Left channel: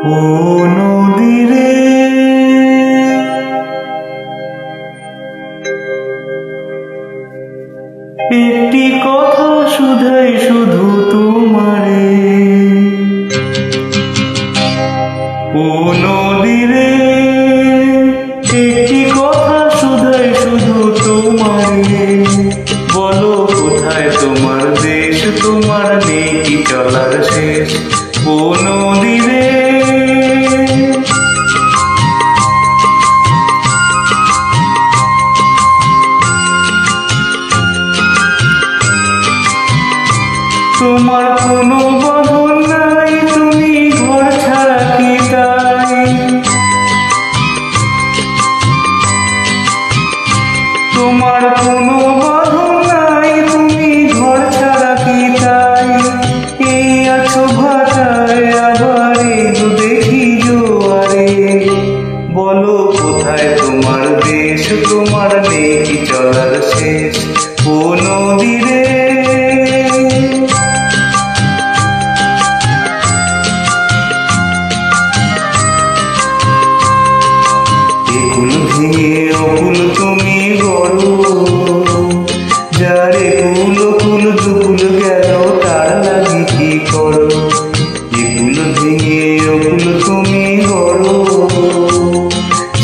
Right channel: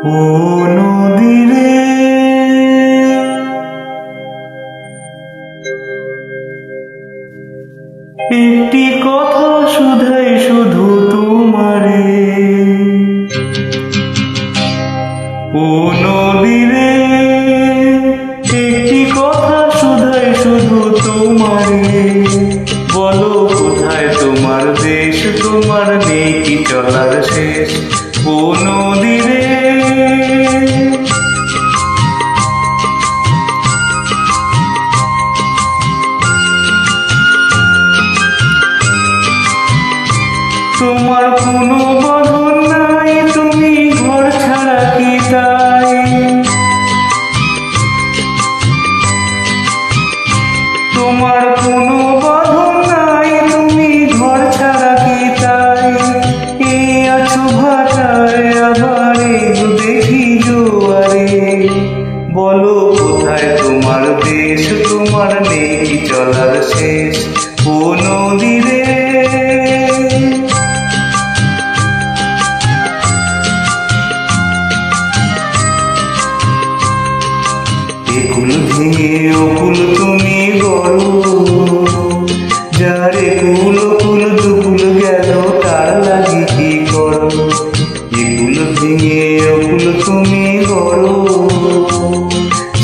ও নদীরে একটি কথা শুধাই শুধু তোমারে। ও নদীরে একটি কথা শুধাই শুধু তোমারে। বলো কোথায় তোমার দেশ, তোমার নেই কি চলার শেষ। ও নদীরে তোমার কোনো বাঁধন নাই, তুমি ঘর ছাড়া কি তাই। তোমার কোনো বাঁধন নাই, তুমি ঘর ছাড়া কি তাই। এই আছো ভাটায় আবার এগো দেখি জোয়ারে। বলো কোথায় তোমার দেশ, তোমার নেই কি চলার শেষ। ও নদীরে একুল ভেঙে অকুল তুমি গড়ো, যারে কুল কুল দুকুল গেল তার লাগি কি করো। একুল ভেঙে অকুল তুমি গড়ো,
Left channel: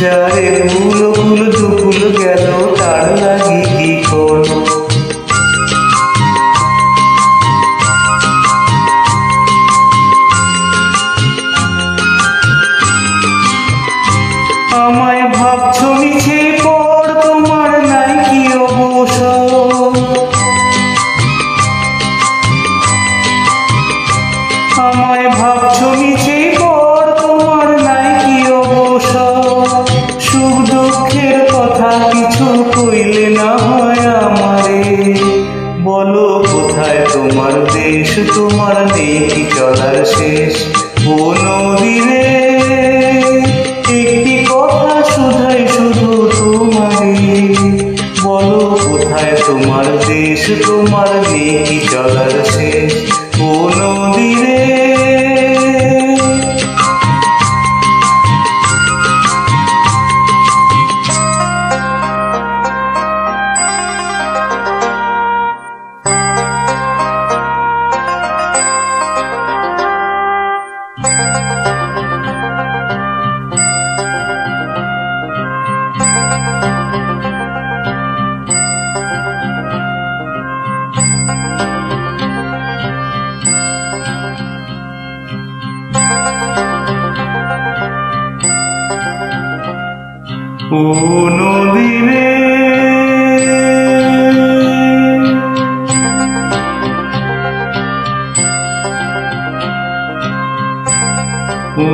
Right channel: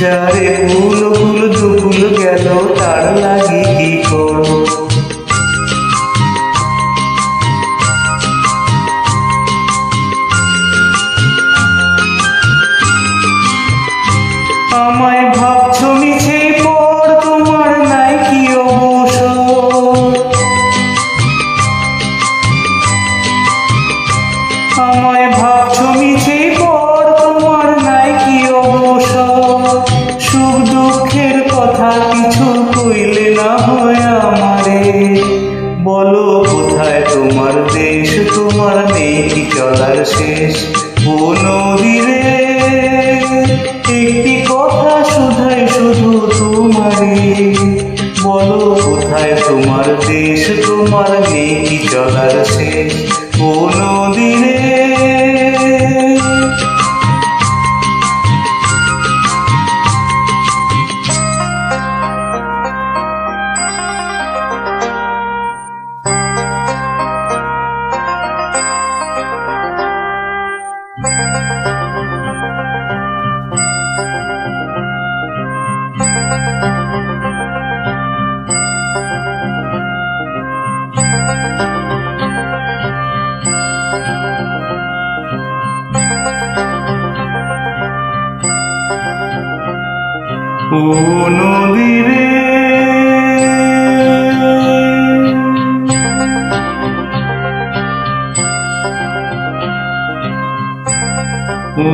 যারে কুল কুল দুকুল গেল তার লাগি কি করো। আমায় ভাবছো মিছে পর, তোমার নাই কি অবসর। আমায় ভাবছো মিছে পর, তোমার নাই কি অবসর। সুখ দুঃখের কথা কিছু কইলে না হয় আমারে। বলো কোথায় তোমার দেশ, তোমার নেই কি চলার শেষ। ও নদীরে একটি কথা শুধাই শুধু তোমারে। বলো কোথায় তোমার দেশ, তোমার নেই কি চলার শেষ। ও নদীরে ও নদীরে ও